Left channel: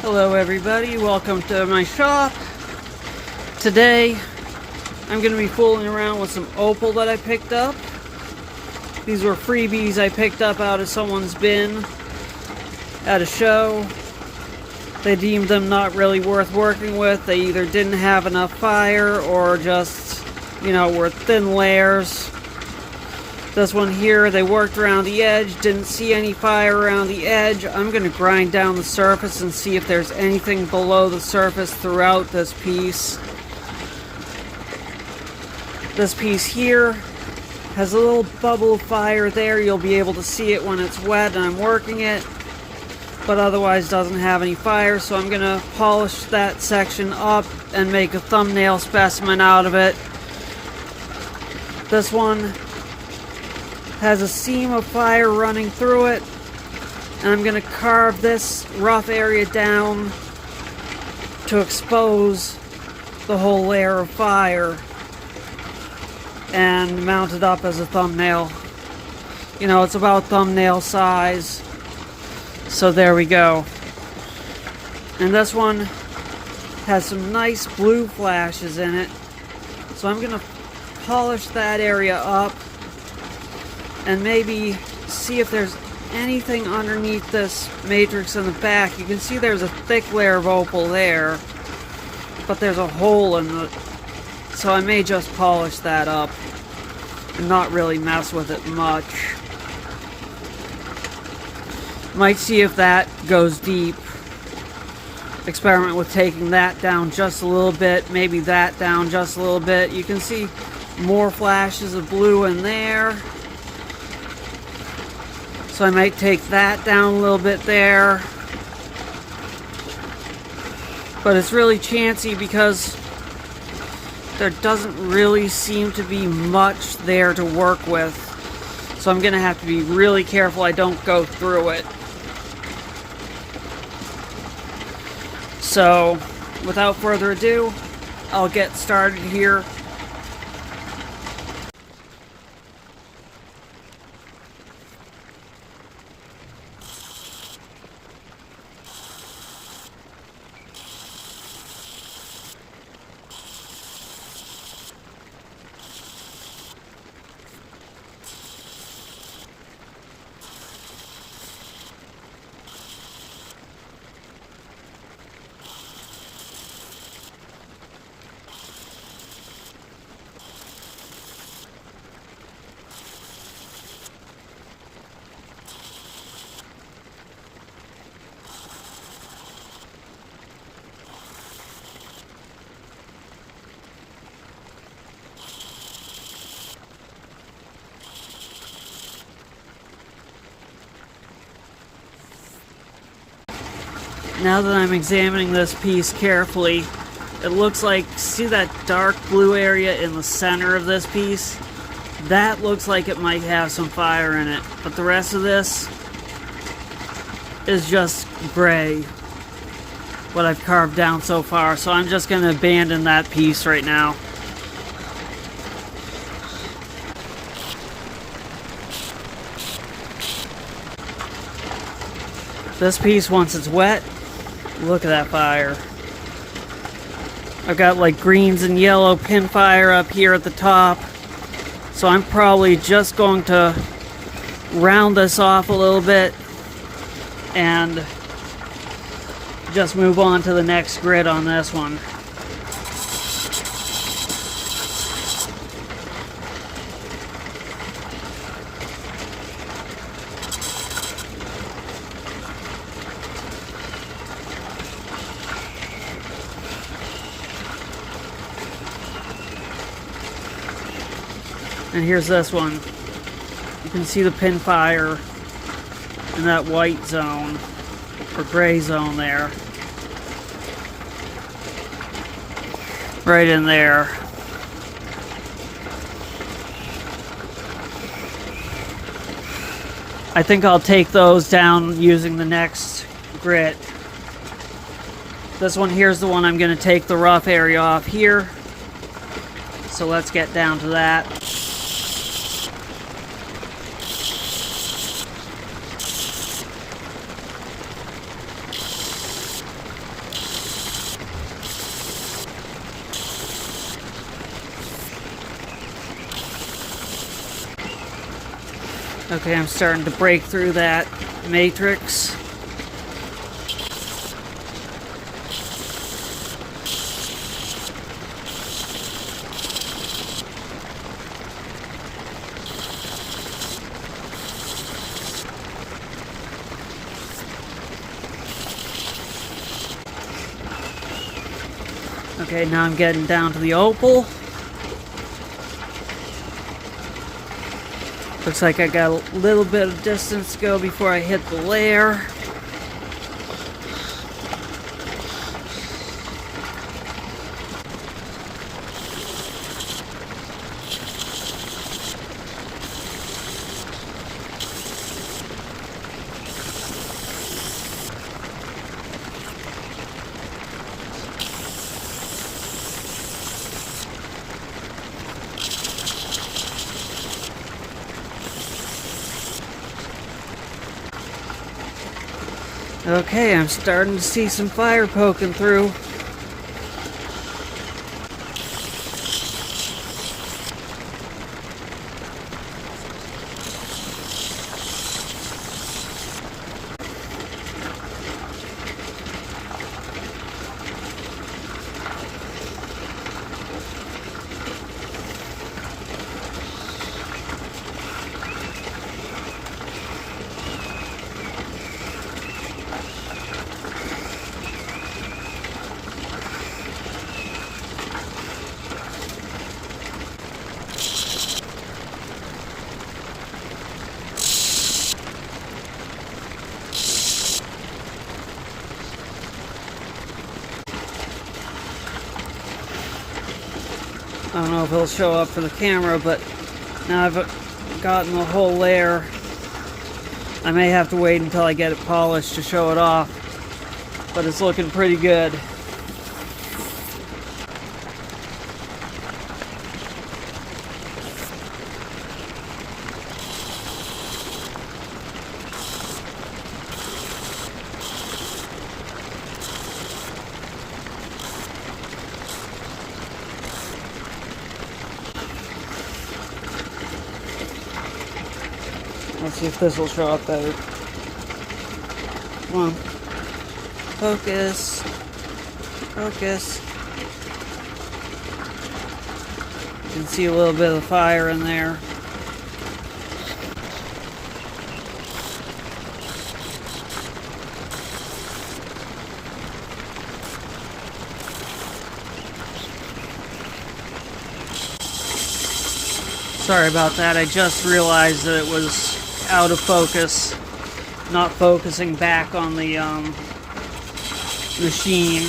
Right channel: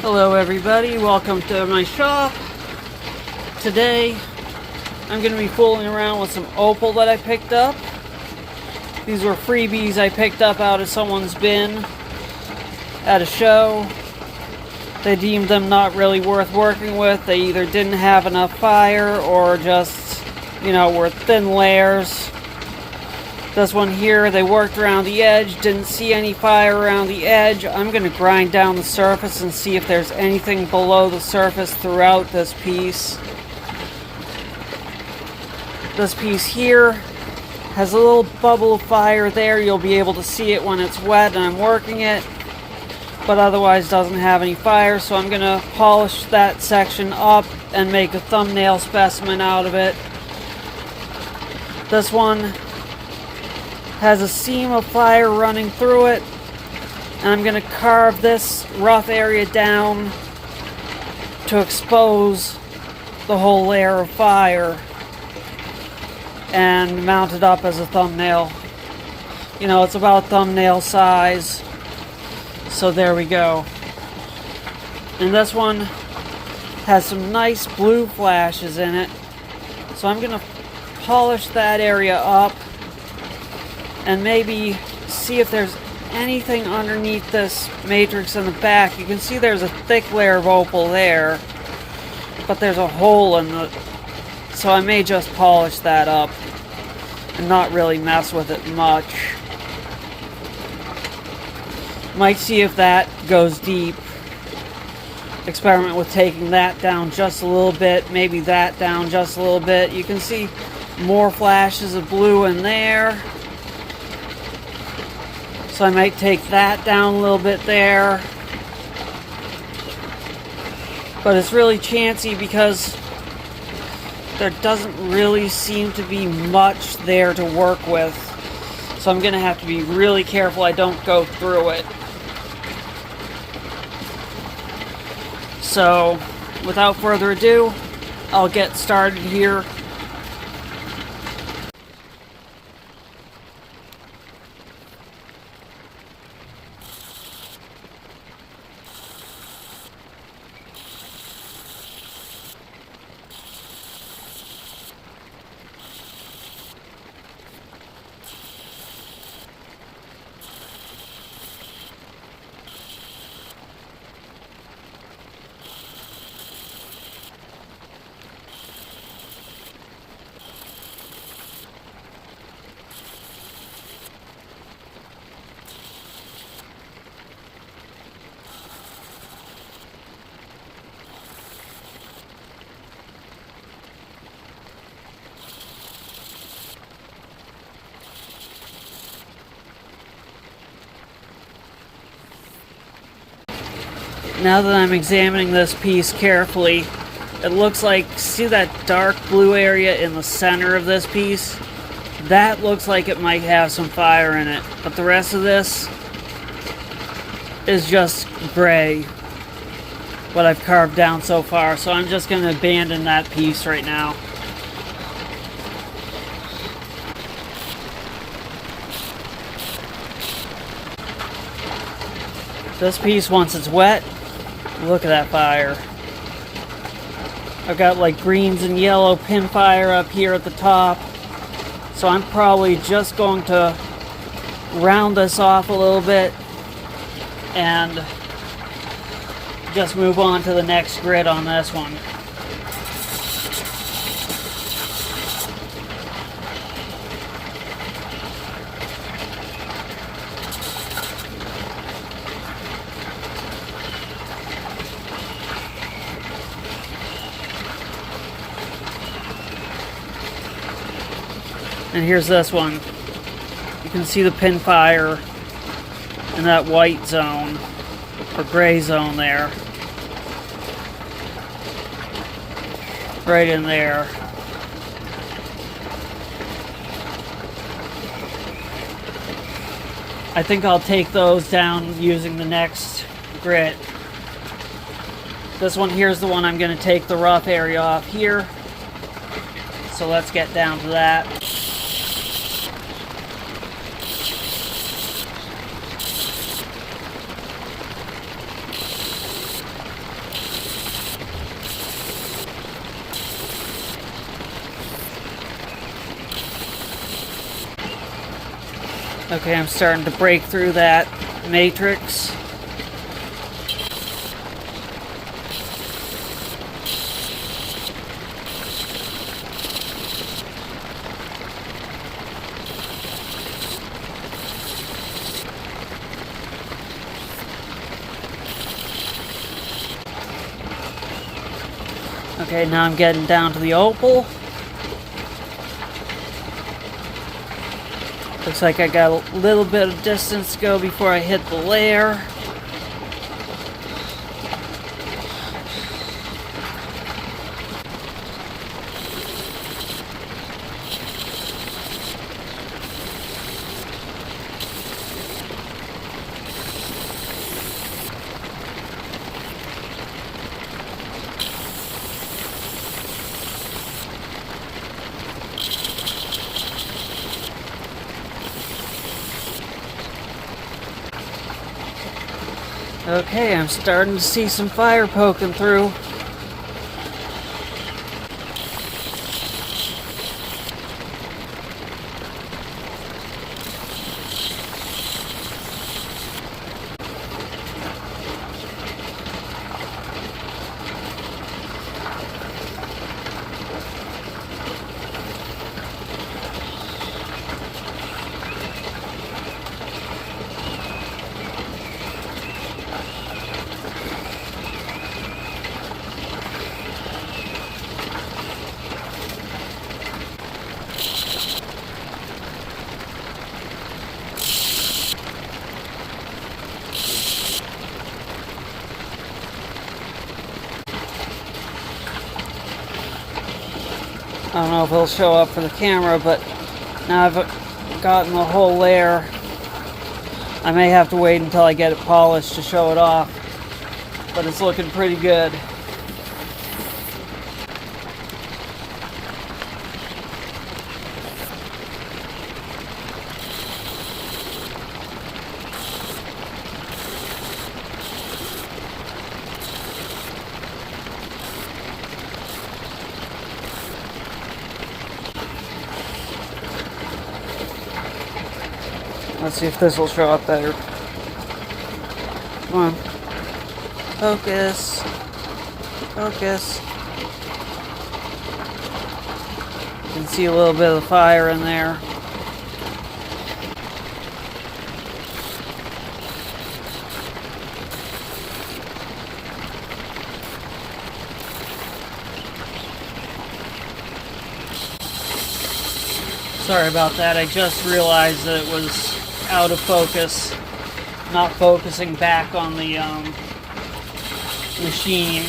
Hello everybody, welcome to my shop. Today I'm going to be fooling around with some opal that I picked up. These were freebies I picked up out of someone's bin at a show. They deemed them not really worth working with. They either didn't have enough fire or just, were thin layers. This one here, they worked around the edge, didn't see any fire around the edge. I'm going to grind down the surface and see if there's anything below the surface throughout this piece. This piece here has a little bubble of fire there. You'll be able to see it when it's wet and I'm working it, but otherwise doesn't have any fire. So I'm going to polish that section up and make a thumbnail specimen out of it. This one has a seam of fire running through it, and I'm going to carve this rough area down to expose the whole layer of fire and mount it up as a thumbnail. It's about thumbnail size, so there we go. And this one has some nice blue flashes in it, so I'm going to polish that area up and maybe see if there's anything underneath this matrix in the back. You can see there's a thick layer of opal there, but there's a hole in the... So I may just polish that up and not really mess with it much. Might see if that goes deep. Experiment with taking that down just a little bit, maybe that down just a little bit. You can see more flashes of blue in there. So I might take that down a little bit there. But it's really chancy because there doesn't really seem to be much there to work with. So I'm going to have to be really careful I don't go through it. So without further ado, I'll get started here. Now that I'm examining this piece carefully, it looks like, see that dark blue area in the center of this piece? That looks like it might have some fire in it, but the rest of this is just gray, what I've carved down so far, so I'm just going to abandon that piece right now. This piece, once it's wet, look at that fire. I've got like greens and yellow pin fire up here at the top. So I'm probably just going to round this off a little bit and just move on to the next grid on this one. And here's this one. You can see the pin fire in that white zone, or gray zone there. Right in there. I think I'll take those down using the next grit. This one here's the one I'm going to take the rough area off here. So let's get down to that. Okay, I'm starting to break through that matrix. Okay, now I'm getting down to the opal. Looks like I got a little bit of distance to go before I hit the layer. Okay, I'm starting to see some fire poking through. I don't know if it'll show up for the camera, but now I've gotten the whole layer. I may have to wait until I get it polished to show it off, but it's looking pretty good. Let's see if this will show up better. Come on. Focus. Focus. You can see a little bit of fire in there. Sorry about that. I just realized that it was out of focus, not focusing back on the machine.